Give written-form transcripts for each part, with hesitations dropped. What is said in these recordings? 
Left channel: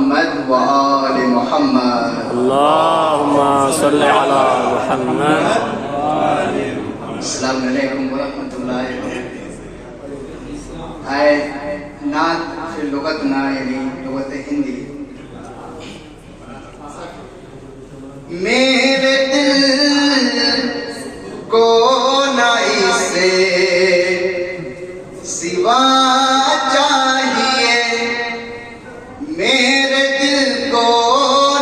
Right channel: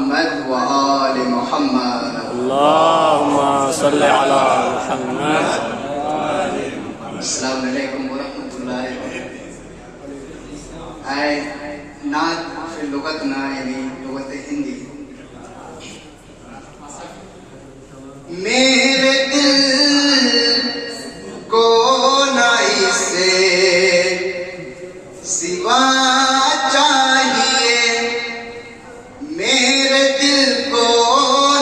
محمد وآل محمد. اللهم صل على محمد. السلام علیکم ورحمۃ اللہ وبرکاتہ. نعت فی لغتنا یعنی لغت ہندی. میرے دل کو نہ اسے سوا چاہیے، میرے دل کو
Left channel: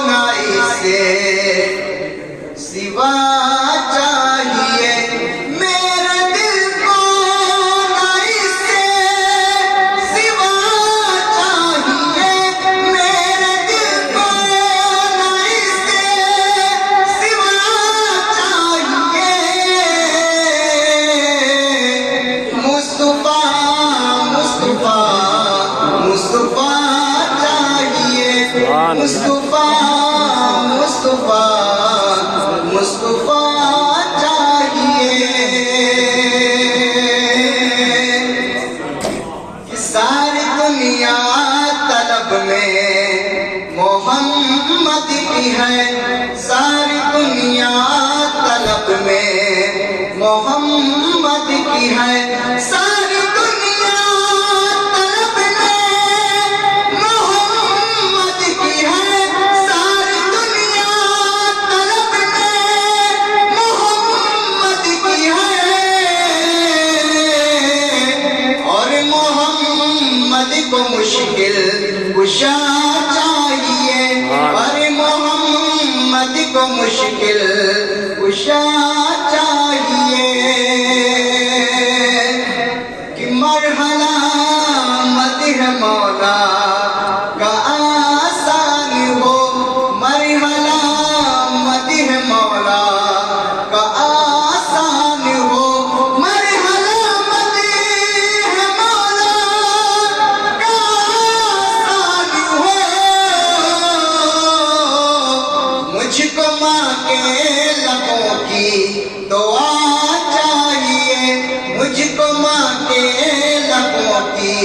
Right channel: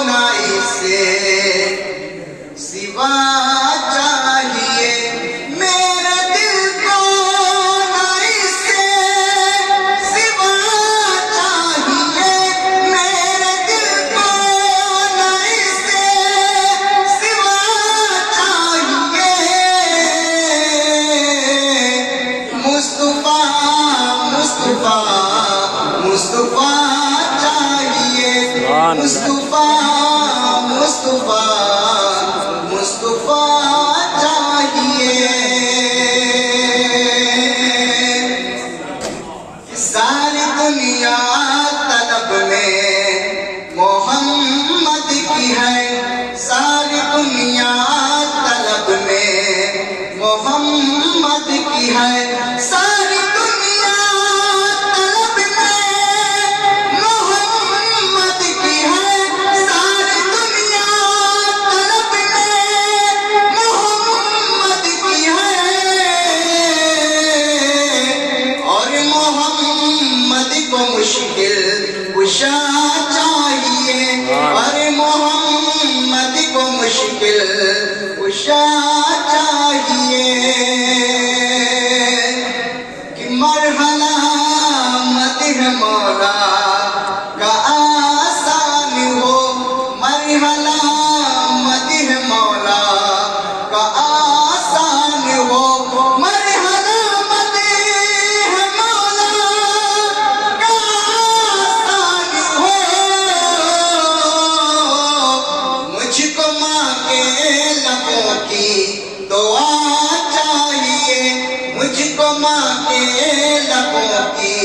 نہ اسے سوا چاہیے، میرے دل کو نہ اسے سوا چاہیے، میرے دل کو نہ اسے سوا چاہیے. مصطفیٰ مصطفیٰ مصطفیٰ چاہیے، مصطفیٰ مصطفیٰ مصطفیٰ چاہیے. ساری دنیا طلب میں محمد کی ہے، ساری دنیا طلب میں محمد کی ہے، ساری دنیا طلب میں محمد کی ہے، ساری دنیا طلب میں محمد کی ہے. اور محمد کو مشکل کشا چاہیے، اور محمد کو مشکل کشا چاہیے. کہ مرحلہ مدح مولا کا آسان ہو، مرحلہ مدح مولا کا آسان ہو، مرحلہ مدح مولا کا آسان ہو. مجھ کو ماں کے لبوں کی دعا چاہیے، مجھ کو ماں کے لبوں کی